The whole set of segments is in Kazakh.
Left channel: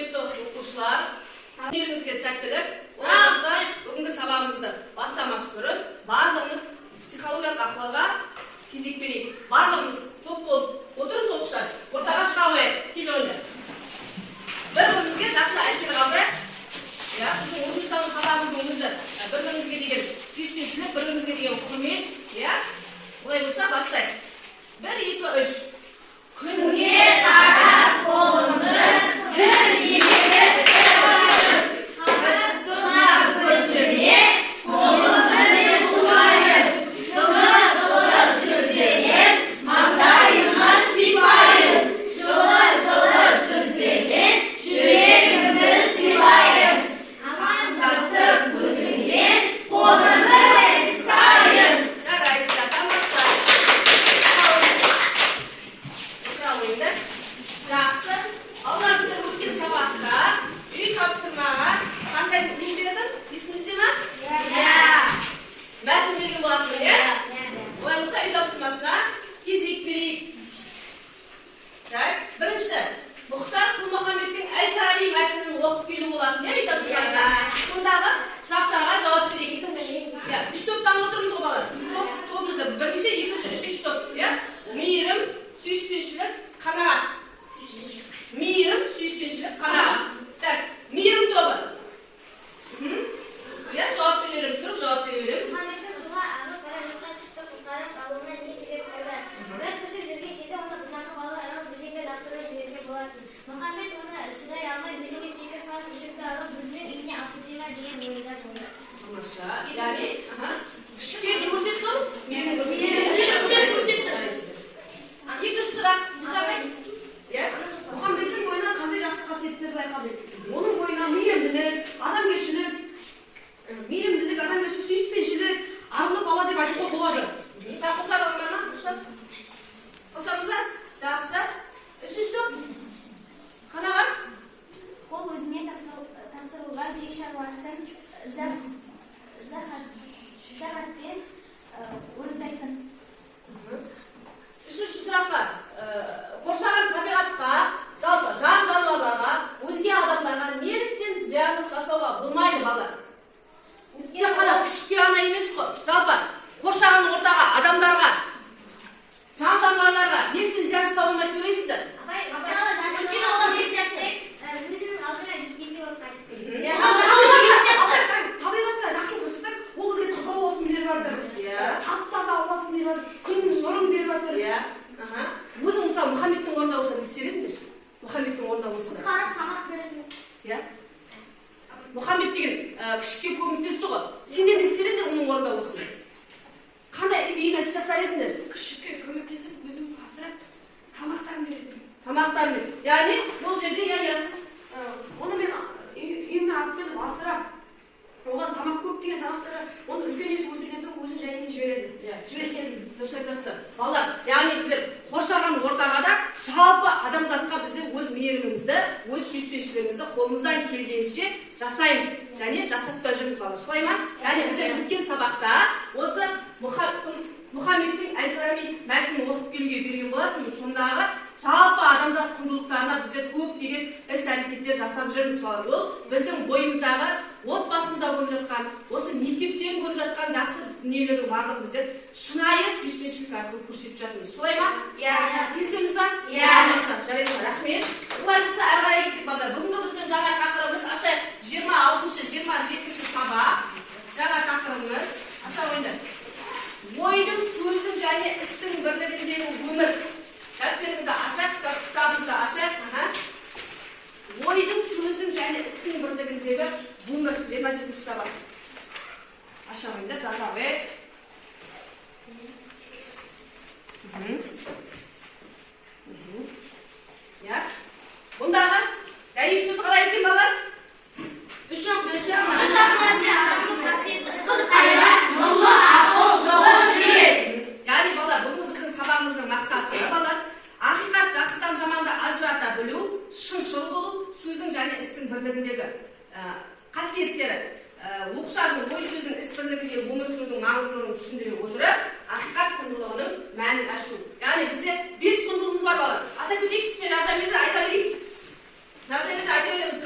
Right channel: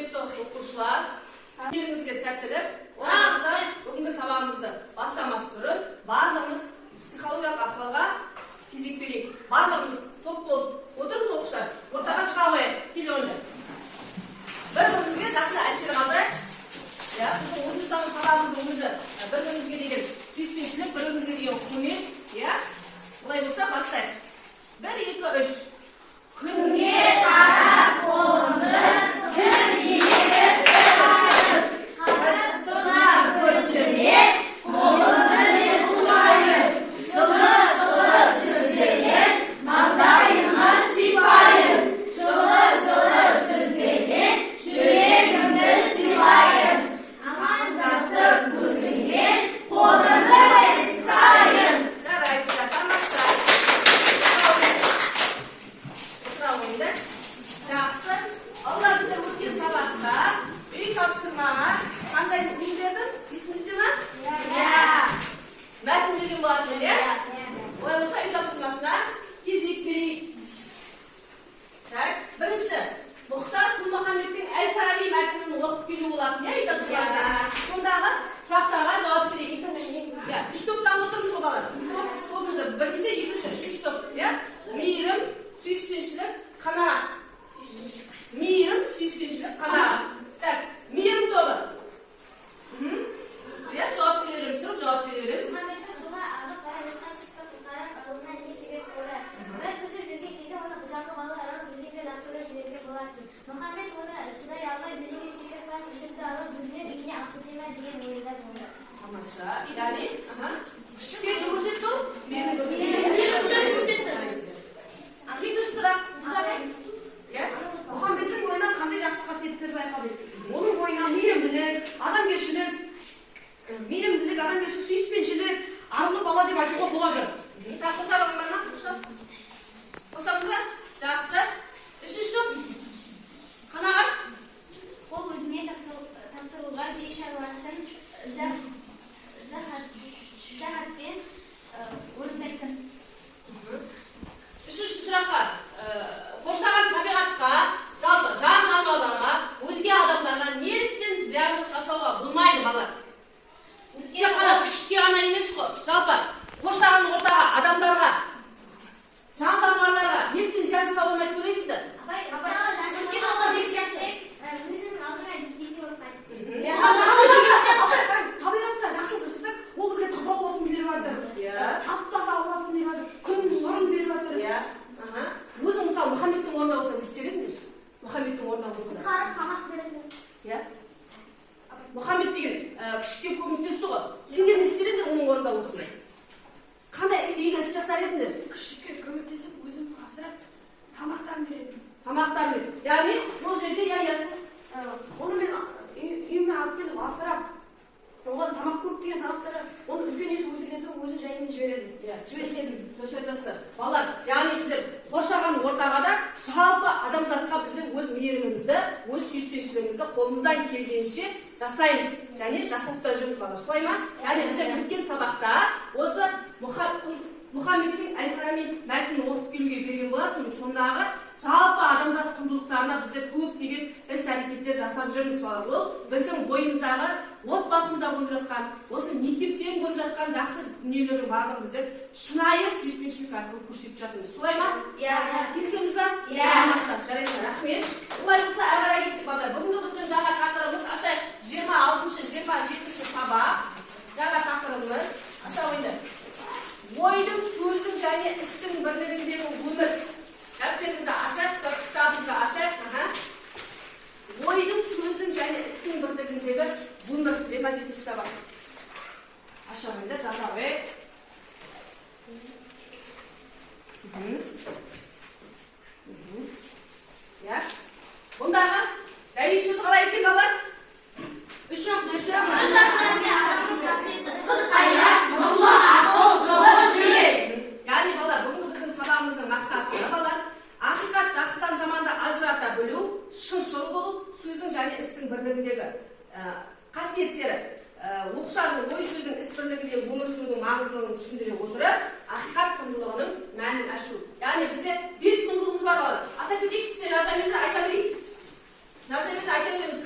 Құрметті оқушылар, елімізге сәттілік. Олай бүгінгі сабағымызды бастамас бұрын барлығымыз психологиялық ахуалға кезек берейік. Барлығымыз топ болып отырмыз оқушылар. Ортаға шыға қояйық. Кел ойында. Бір-бірімізге жақсы әсер қалдырайық. Біздің өзіміздің сабағымыздың өзі бір-бірімізге деген сүйіспеншілік, бір-бірімізге деген құрмет. Олай болса бастайық. 1, 2, 3. Күнге қарап қолымыз бір егер тұнар көшіме қолымды бұлайып, жылы-жылы сөздеген маңдайымнан сипайып, жылы-жылы сөздеген жүрегімді сыйлайып, амандасып өзіңмен қолымды ұстайып. Жарайсыздар, тамаша. Жақсы. Алла бізде өткен сабақта үй тапсырмаға қандай не бердің? Есіңізде ме? Мәтін берген болатын, Олай болса үй тапсырмасына кезек берейік. Бірінші, Мұхтар Құл-Мұхаммедтің Әл-Фараби мәтінін оқып келу болатын, үй тапсырмасына. Сондағы сұрақтарға жауап берейік. 3 топтан отырмыз ғой балалар. Тобымызды бірінші, екінші, үшінші топ. Мейірім, сүйіспеншілік, қанағат. Мейірім, сүйіспеншілік, қанағат. Мейірім тобы. Жауап береміз, тұрып жауап береміз. Мұхаммедті суға ағып бара жатқан күшті құтқарып алуына не себеп болды? Бір күшік жүрген кезде оны бұзақы балық аралап өзенге лақтырып жіберген болатын. Мұхаммед оны шыдай алмай өзенге секіріп барып күшікті алып өзінің үйіне алып ма деген ойда болды. Тамаша. Яғни, күшікке не көрсетті ол? Мейірім көрсетті. Екінші сұрақ. Мұхаммедтің бойынан қандай жақсы қасиеттер байқадық? Оның бойына мейірімділік, адамгершілік, сүйіспеншілік, арлы бала деп айтуға болады. Қосамыздар? Жақсы. Үшінші топ. Қанағат. Ол өзіне тапсырылған үй шаруасын ыждахатпен орындайтын. Үшінші сұраққа. Қоршаған табиғатқа, жалпы жан-жануарларға, өзге адамдарға неліктен зиянын жасауға болмайды балалар? Тек қана күшікке ғана емес қой. Жалпы қоршаған ортаға, адамдарға, жан-жануарларға неліктен зиян жасауға болмайды деп ойлайсыздар? Табиғатта жақсылық жасасақ, ол бізге таза болсын беріп жатыр. Тап-таза ауасын беріп жатыр, күн нұрын беріп жатыр. Өзің мысалы Мұхаммедтің орнында болса не істер едіңдер? Мұхаммедтің орнында болсыңдар. Қарып тамақ береді. Мұхаммед деген күшікке көмектесті ғой. Сендер не істер едіңдер оның орнында болсыңдар? Қандай игі іс жасар едіңдер? Күшікке көмектесіп, өзім асырап, тамақтарын береді. Тамақтарын береді. Яғни бұл жерде оны мен үйіме алып келіп асырап, оған тамақ көп деген тамақтары, оны үлкен есіп өсірген соң өзін жайымен жібереді. Дұрыс айтасыздар. Балалар, яғни біздер қоршаған ортаға да жалпы адамзатқа біздер өз мейірімімізді, өз сүйіспеншілігімізді қолымыздан келгенше жасаймыз және жасап та жүрміз балалар. Солай ма? Яғни біздер өткен сабақта осы Мұхаммедтің Әл-Фараби мәтінін оқып келуге берген болатынбыз. Сондағы жалпы адамзат құндылықтарына біздер көптеген іс-әрекеттер жасап жүрміз балалар. Ол біздің бойымыздағы, отбасымызда көріп жатқан, осы мектептен көріп жатқан жақсы дүниелердің барлығын біздер шынайы сүйіспеншілік арқылы көрсетіп жатырмыз. Солай ма? Келісеміз ба? Жарайсыздар, рахмет. Олай болса әрі қарай кеттік балалар. Бүгінгі біздің жаңа тақырыбымыз ашайық 26-27 сабақ. Жаңа тақырыбымыз аша ойындар. Ойдың, сөздің және істің бірлігіндегі өмір. Дәптеріңізді ашайық, кітабыңызды ашайық. Ойдың, сөздің және істің бірлігіндегі өмір. 27 сабақ. Аша ойындар, жаза қойып. Бұндағы дәйек сөз қалай екен балалар? Үш нәрсе. Ысқыр қайрат, нұрлы ақыл, жылы жүрек. Яғни балалар, бүгінгі біздің сабағымыздың мақсаты балалар, ақиқат жақсыдан жаманды ажырата білу, шыншыл болу, сөздің және істің бірлігіндегі қасиеттері, оқушылардың ой сөздің іс бірлігіндегі өмір сүрудің маңыздылығын түсіндіре отырып, ақиқат құндылығының мәнін ашу. Яғни бізде 5 құндылығымыз бар балалар. Ата кетейік, үстіне жаза берді, айта берейік. Жаза берді, айта береміз.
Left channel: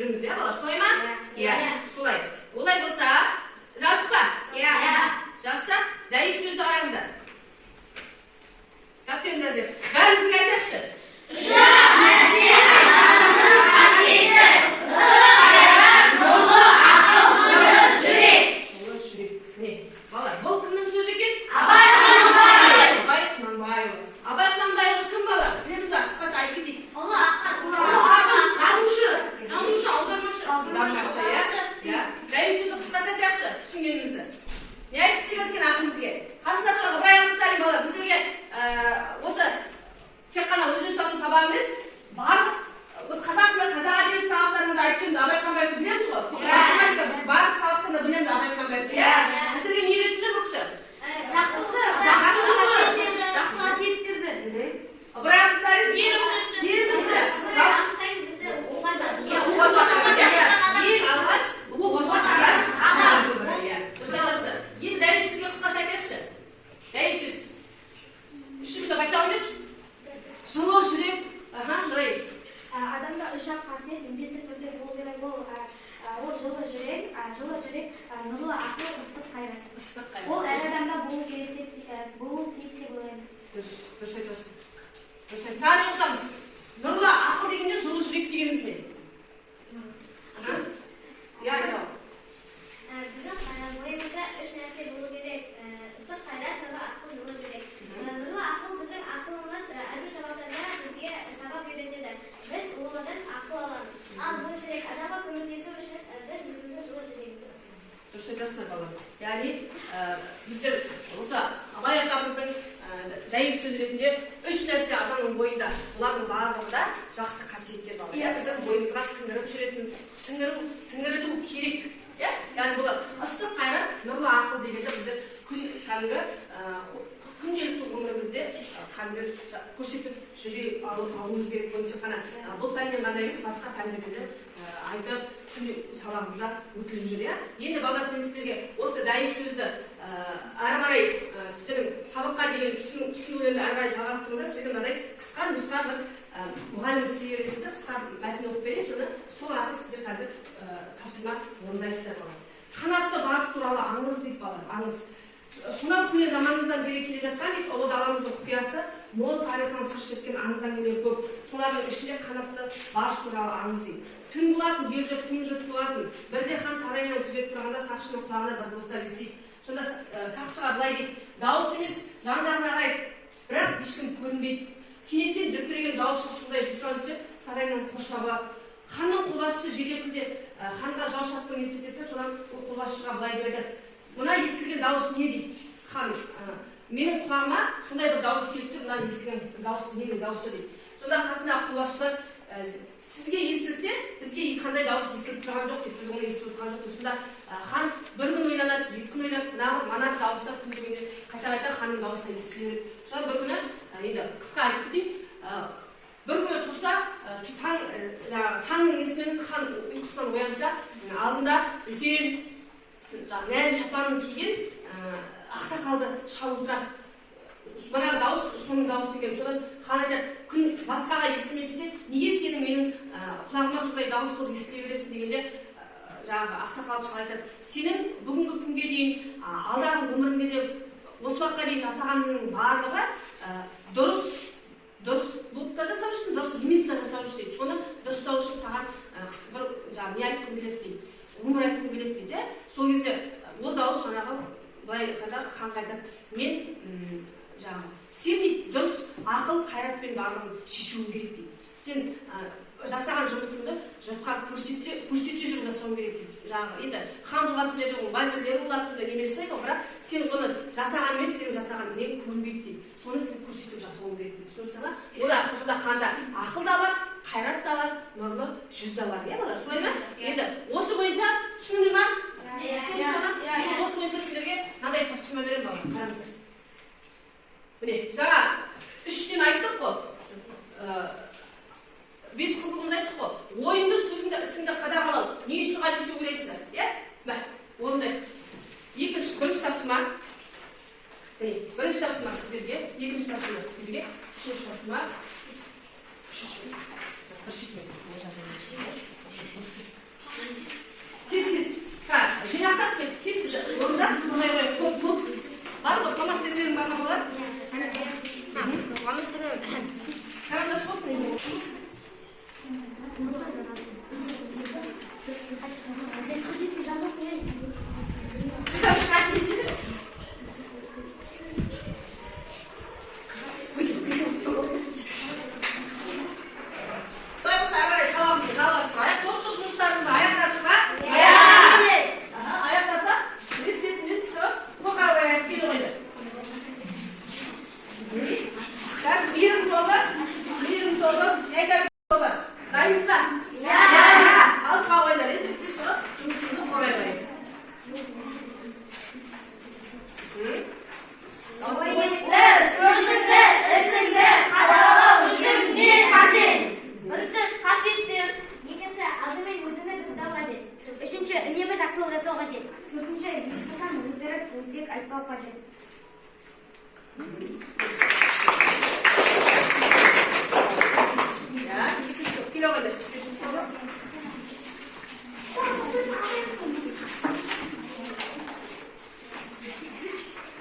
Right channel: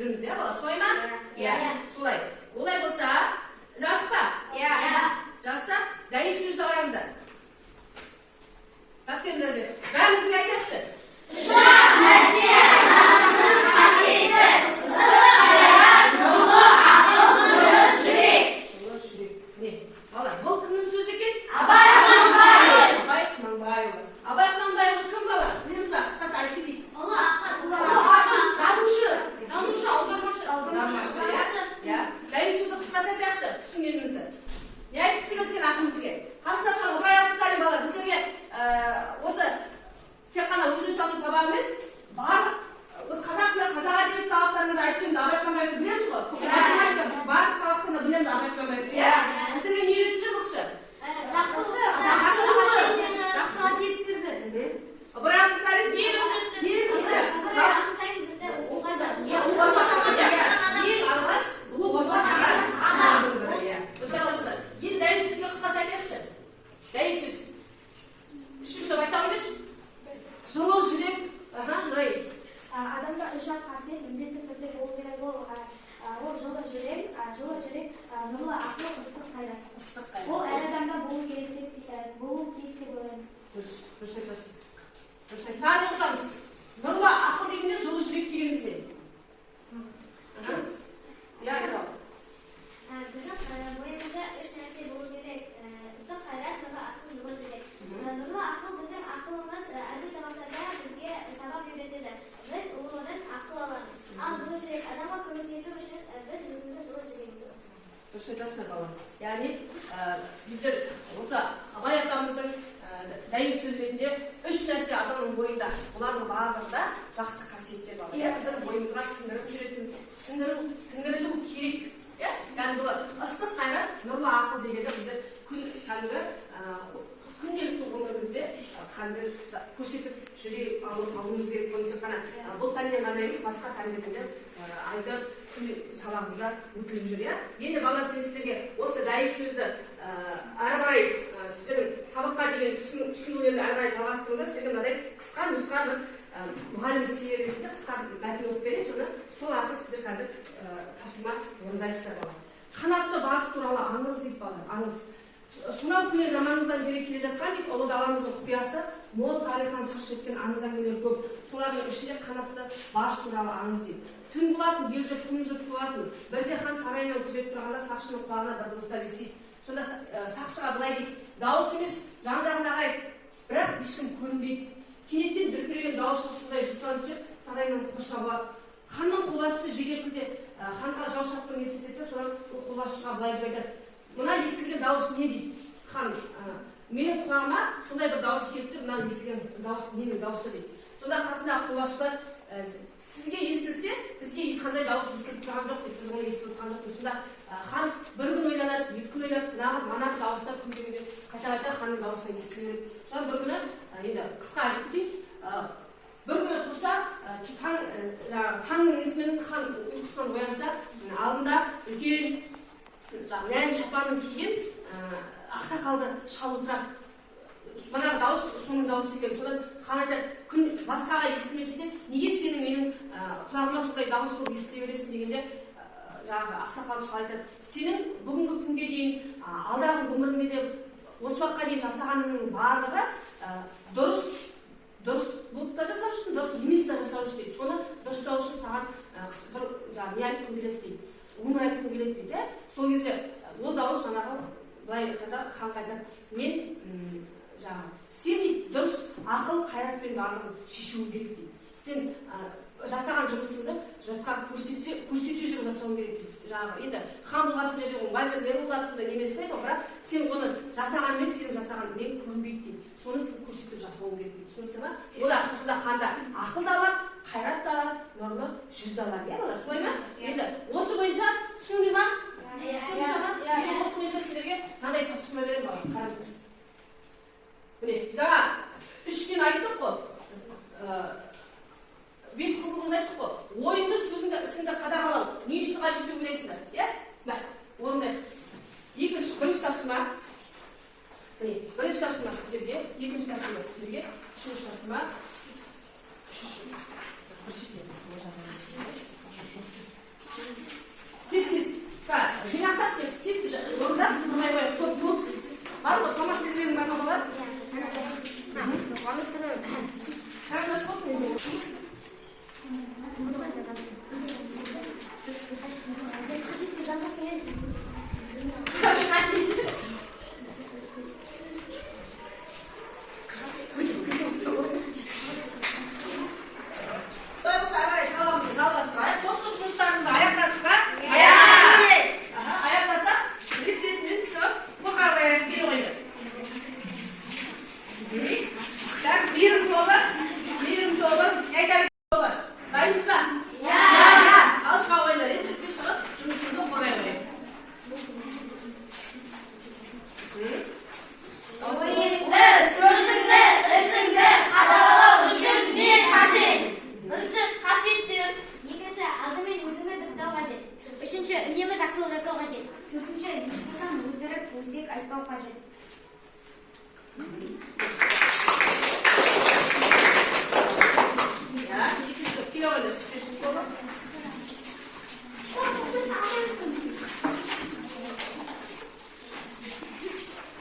жүрміз, иә бала, солай ма? Иә. Солай. Олай болса, жаздық па? Иә. Жазсақ, дәйек сөзді қараңыздар. Дәптеріңізді жер. Бәріміз бірге айтайықшы. Ұшақ нәрсе адамның қасиеті, ыстық қайрат, нұрлы ақыл, жылы жүрек. Жылы жүрек. Не? Бала, бұл кімнің сөзі екен? Абай Құнанбаев. Абай Құнанбаев. Абай Құнанбаев кім бала? Білеміз ба? Қысқаша айтып кетейік. Ұлы ақын. Жазушы, аудармашы, иә. Дәйек сөзді қысқаша айтайықшы, түсінгенімізді. Не айтқысы келген ақымызге? Қасында тұрған Ыбырай Алтынсарин бала, біздерге осы тек қана өзін тану сабағы емес, барлық осы қазақ тілі, қазақ әдебиеті сабақтарында айтып жүрміз, Абай Құнанбаевты білеміз ғой? Математика барлық сабақтарында білеміз Абай Құнанбаевты. Біздерге не үйретіп жүр бұл кісі? Жақсы қасиеттерді. Ыбырай Алтынсарин мейірімділікті. Уға шақырған, ең алғаш уға шақырған ағайын бірі. Енді дәйек сөзге қысқаша айтайықшы. Дәйек сөз. Үшінші деп айтып қойыңызшы. Жылы жүрек. Нұрай. Адамда үш-ақ қасиет міндетті түрде болу керек. Ол жылы жүрек, нұрлы ақыл, ыстық қайрат. Ыстық қайрат. Ол әр адамда болу керек деп болу тиіс деп ойлаймын. Дұрыс айтасың. Дұрыс айтасың. Тағы не қосамыз? Нұрлы ақыл дегенде жылы жүрек дегеніміз не? Иә, айтау. Біздің бойымызда үш нәрсе болу керек. Ыстық қайрат, нұрлы ақыл, жылы жүрек. Нұрлы ақыл біздің ақылымыз әрбір сабақтарда бізге сабақ үйретеді. Біз ұлымыздан ақыл аламыз. Ал жылы жүрек адамға көмектесу үшін біз өзіміздің жылы жүрегімізді ұстаймыз. Дұрыс айтасың бала. Яғни біздер осы Абай атамыздың дәйек сөз ретінде үш нәрсе адамның бойында, олардың барлығында жақсы қасиеттер бар. Біздің бойымызға сіңіріп жүретін, сіңірілу керек. Яғни бұл ыстық қайрат, нұрлы ақыл дегенде біздер күнделікті өмірімізде көрсетіп жүре алуымыз керек. Тек қана бұл пәнмен ғана емес, басқа пәндерде айтып сабағымызда өтіліп жүр. Енді балалар, мен сіздерге осы дәйек сөзді әрі қарай сіздердің сабаққа деген түсінулерді әрі қарай жалғастыруында сіздерге мынадай қысқа нұсқа бір мұғалім сіздерге ретінде қысқа мәтін оқып берейін. Сол арқылы сіздер қазір тапсырма орындайсыздар бала. Қанатты барыс туралы аңыз дейді балалар, аңыз. Сонау көне заманымыздан бері келе жатқан дейді, ұлы даламыздың құпиясы, мол тарихынан сыр шерткен аңыз әңгімелер көп. Солардың ішінде қанатты барыс туралы аңыз дейді. Түн болатын, ел жұрт күн жұрт болатын. Бірде хан сарайынан күзетіп тұрғанда сақшының құлағына бір дауыстар естиді. Сонда сақшыға былай дейді: дауыс емес, жан-жағына қарайды, бірақ ешкім көрінбейді. Кенеттен дүркіреген дауыс шықшылдай жусанып түсіп, сарайынан қоршап алады. Ханның қолбасшысы жедел ханға жау шапқанын естіртеді. Содан ол қолбасшыға былай деп айтады: мына естілген дауыс не дейді? Хан: менің құлағыма сондай бір дауыс келіп тұр, мына естілген дауыс ненің дауысы дейді. Сонда қасындағы қолбасшылар: сізге естілсе, бізге ешқандай дауыс естіліп тұрған жоқ дейді, біз оны естіліп тұрған жоқпыз. Сонда хан бір күн ойланады, екі күн ойланады, мана дауыстар күн дегенде қайта ханның дауысына естіле береді. Содан бір күні, енді қысқа айтып кетейін, бір күні тұрса, таңның несімен хан ұйқысынан оянса, алдында үлкен нән шапанын киген ақсақалды шалып тұрады. Манағы дауыс соның дауысы екен. Содан хан айтады: күн басқаға естімесе де, неге сенің менің құлағыма сондай дауыс болып естіле бересің дегенде, жаңағы ақсақалды шал айтады: сенің бүгінгі күнге дейін, алдағы өміріңде де осы уақытқа дейін жасағанның барлығы дұрыс болып та жасап жүрсің, дұрыс емес та жасап жүрсің дейді. Соны дұрыстау үшін саған бір не айтқым келеді дейді, өмір айтқым келеді дейді. Сол кезде ол дауыс жаңағы былай ханға айтады: мен сен дейді дұрыс ақыл қайратпен барлығын шешуің керек дейді. Сен жасаған жұмысыңды жұртқа көрсете жүріп жасауың керек дейді. Енді хан болғасын жерде оның бәлсерлері болады, сонда немесі айтады, бірақ сен оны жасағанмен сенің жасаған нең көрінбейді дейді. Соны сен көрсетіп жасауың керек дейді. Сонда ханда ақыл да бар, қайрат та бар, нұрлы жүз да бар. Солай ма? Енді осы бойынша түсіндің ба? Енді осы бойынша сіздерге мынандай тапсырма беремін бала. Қараңыздар. Міне, жаңа үштен айттық қой. 5 құбылымыз айттық қой. Ойынды, сөзіңді, ісіңді қадағалау. Не үшін қажет деп ойлайсыңдар? Орындайық. Бірінші тапсырма. Бірінші тапсырма сіздерге, екінші тапсырма сіздерге, үшінші тапсырма. Бір шетіне жазылып Tez-tez. Жинақтап кет, тез орында тұрмай қойып, көп. Бар ғой, фломастердерің бар ма балалар? Карандаш болсын енді. Үшінші, үнемі жақсылық жасау қажет. Төртінші, ешқашан өтірік өсек айтпау қажет. Келе қойды, түскешін солы.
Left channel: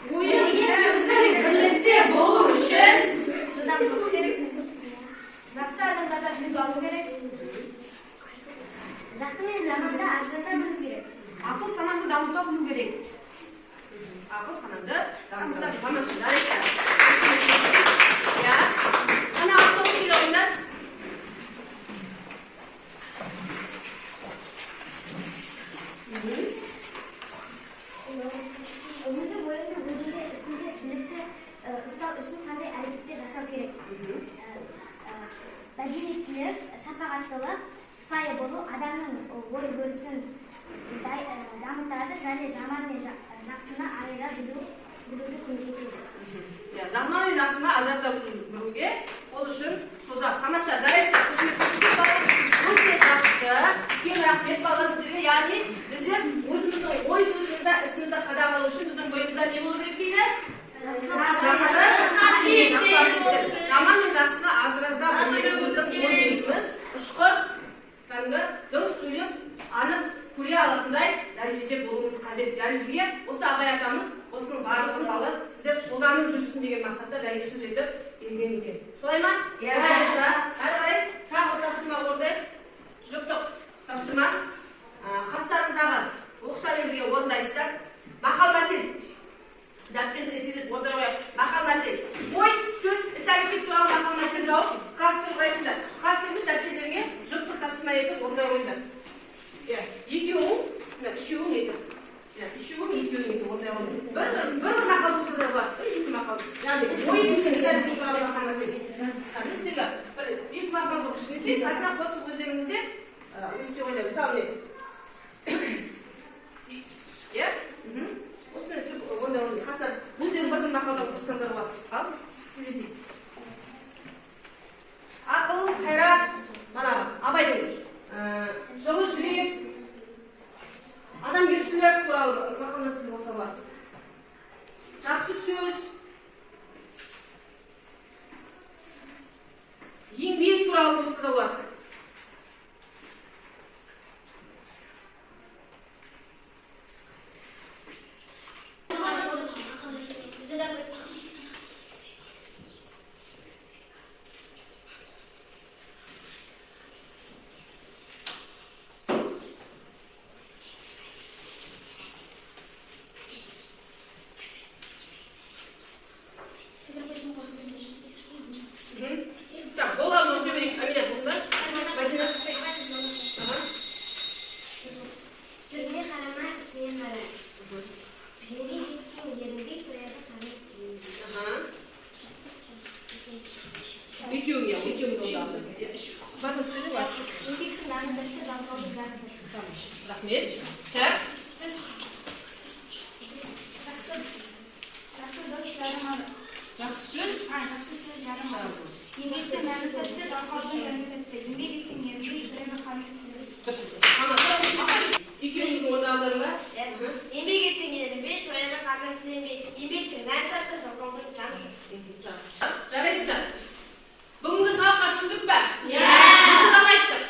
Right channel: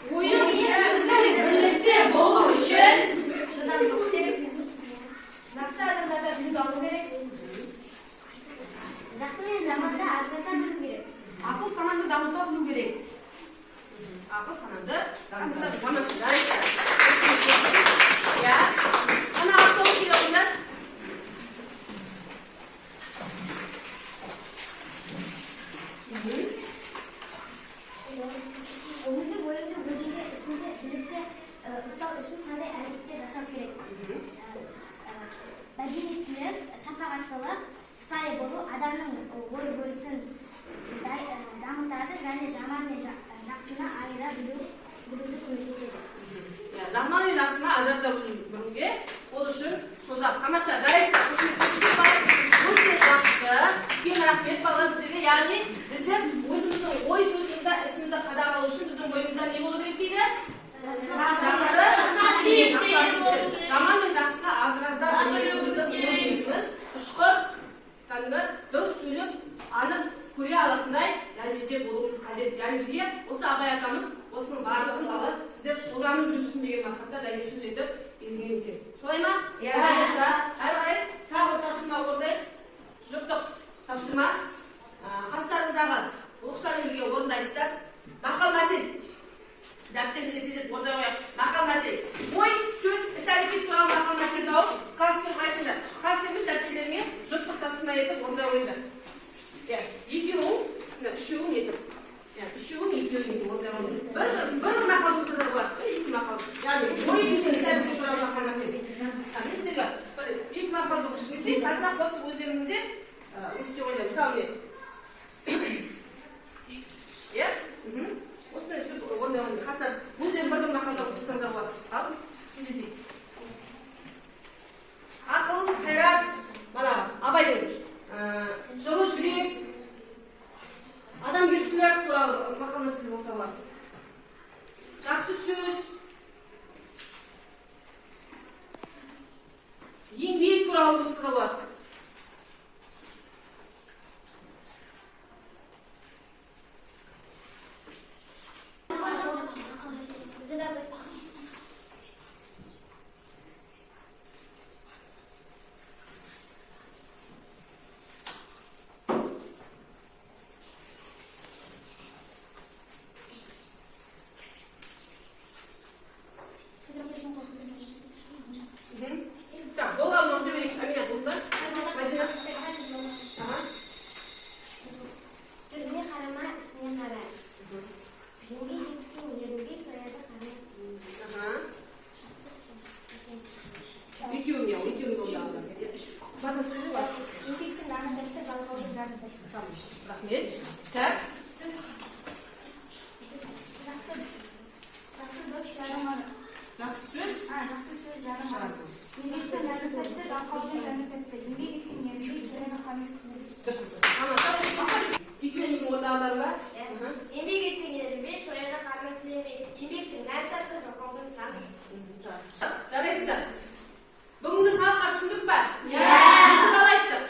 Ойын сөздің бірлікте болу үшін Шыдамдылық керек. Жақсы адамдарда үлгі алу керек. Жақсы мен жаманды ажырата білу керек. Ақыл санаңды дамыта білу керек. ақыл санаңды дамыта тамаша жарайсың. Ана автобус келе ойындар. Өзі бойыңды өзіңде ісінде білікті ұстау үшін қандай әрекеттер жасау керек? Мәдениеттілік, шапағаттылық, сыпайы болу адамның ой бөлісін дамытады және жаман мен жақсыны айыра білуді көмектеседі. Жаман мен жақсыны ажырата білуге ол үшін созақ. Тамаша жарайсың. Өте жақсы. Кең рахмет балалар сіздерге. Яғни біздер өзіміздің ой сөзімізді ісімізді қадағалау үшін біздің бойымызда не болу керек дейді? Жаман мен жақсыны ажырата білуіміздің ой сөзіміз ұшқыр, кәдімгі дұрыс сөйлеп, анық көре алатындай дәрежеде болуымыз қажет. Яғни бізге осы Абай атамыз осының барлығын балы сіздер қолданып жүрсін деген мақсатта дәлел сөз етіп берген екен. Солай ма? Иә. Әрі қарай тағы бір тапсырма орындайық. Жұптық тапсырма. Қастарыңыздағы оқшамен бірге орындайсыздар. Мақал мәтел. Дәптеріңізге тезек орындай қояйық. Мақал мәтел. Ой, сөз, іс-әрекет туралы мақал мәтел тауып, кластер құрайсыңдар. Кластеріміз дәптеріңе жұптық тапсырма етіп орындай қойыңдар. Екеуің, үшеуің етіп. Үшеуің, екеуің етіп орындай қойыңдар. Бір мақал болса да болады. Екі мақал. Яғни, ой деген іс-әрекет туралы мақал мәтел. Сіздерге екі мақал болып ішінде қасына қосып өздеріңізде есте қойыңдар. Мысалы, осындай сіз орындай қойыңдар. Қасына өздерің бір мақалда қоссаңдар болады. Ал, тезетейік. Ақыл, қайрат, мана Абайдың жылы жүрек, адамгершілік туралы мақал мәтел болса болады. Жақсы сөз, еңбек туралы болса да болады. Так, голову өте берейік. Амиля, бұлында. Түріне қарама, ісіне қара. Еңбек етсең, ерінбей тояды қанат деймін. Екеуің жолдағыда. Бар ма сізде бар? Еңбексіз жанындырды, жалқаудың жанындырды. Рахмет. Так. Жақсы сөз. Жақсы сөз жарымады. Еңбекті мәні тәтті, жалқаудың жаны тәтті. Еңбек етсең ерінбей тояды қанат деймін. Екеуіңіздің орындағыларыңда? Еңбек етсең ерінбей тояды қанат деймін. Еңбектің мәні тәтті, жалқаудың жаны. Жарайсыздар. Бүгінгі сабаққа түсіндік пе? Иә. Не туралы айттық?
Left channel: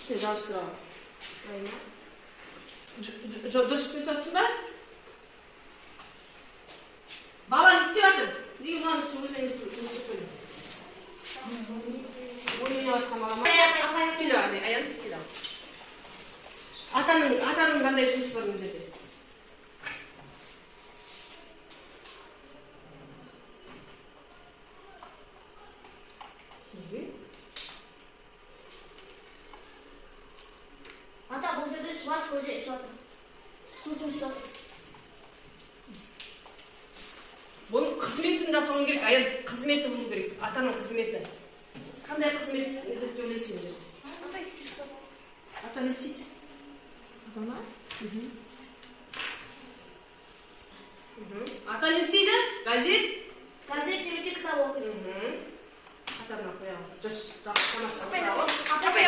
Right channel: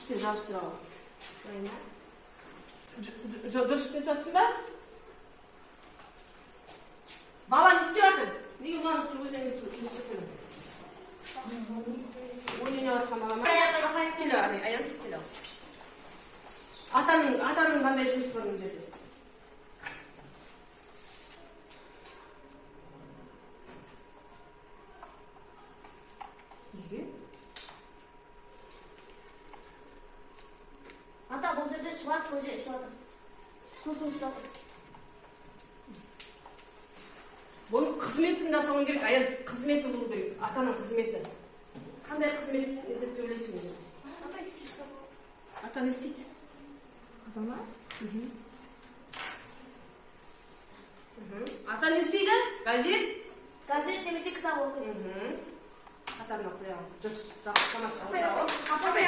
Üstüne jabыстырып алып. Жоқ, дұрыс істеп жатсың ба? Бала не істеп жатыр? Неге мынаны өзіне істеп қойдың? Ойнап жатқан бала ма? Кел аян, кел. Атаның қандай жұмысы бар мына жерде? Неге? Ата, бұл жерде шұбат көже ішіп отыр. Сусын ішіп отыр. Бұның қызметін жасауың керек, аян қызметі болу керек, атаның қызметі. Қандай қызмет деп ойлайсың мына жерде? Ата не істейді? Ата ма? Ата не істейді? Газет? Газет немесе кітап оқиды. Атаны қояған. Жүрс, жақсы тамаша. Апай.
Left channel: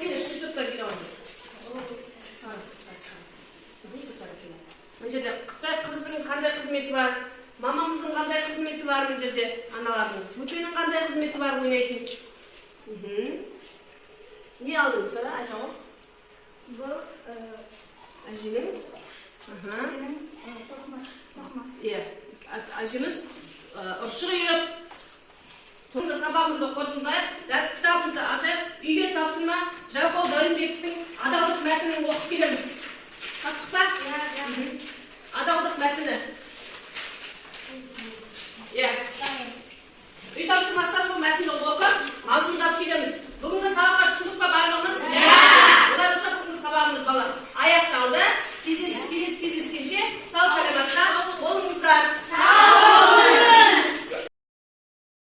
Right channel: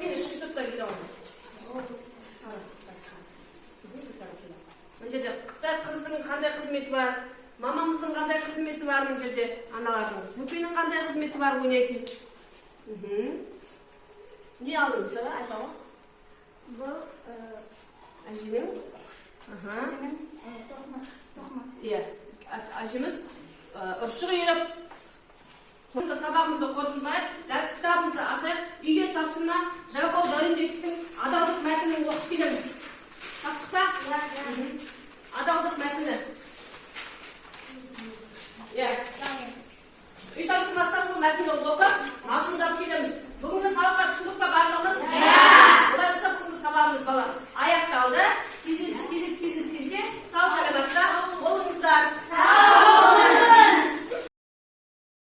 Келесі штуктар келе алды. Мына жерде Қытай қыздың қандай қызметі бар, мамамыздың қандай қызметі бар, мына жерде аналардың, Фөкенің қандай қызметі бар ойнайтын. Не алдың сұрай, айта ғой? Бұл Әженің? тоқымасы. Иә, әжеміз ұршық үйреп, сабағымызды оқытыңдар, кітабымызды ашып, үйге тапсырма, Жауқау Дәуренбековтің адалдық мәтінін оқып келеміз. Таптық па? Адалдық мәтіні. Иә. Үй тапсырмасында сол мәтінді оқып, мазмұндап келеміз. Бүгінгі сабаққа түсіндік па барлығымыз? Олай болса бүгінгі сабағымыз бала аяқталды. Келесі кездескенше сау саламатта болыңыздар.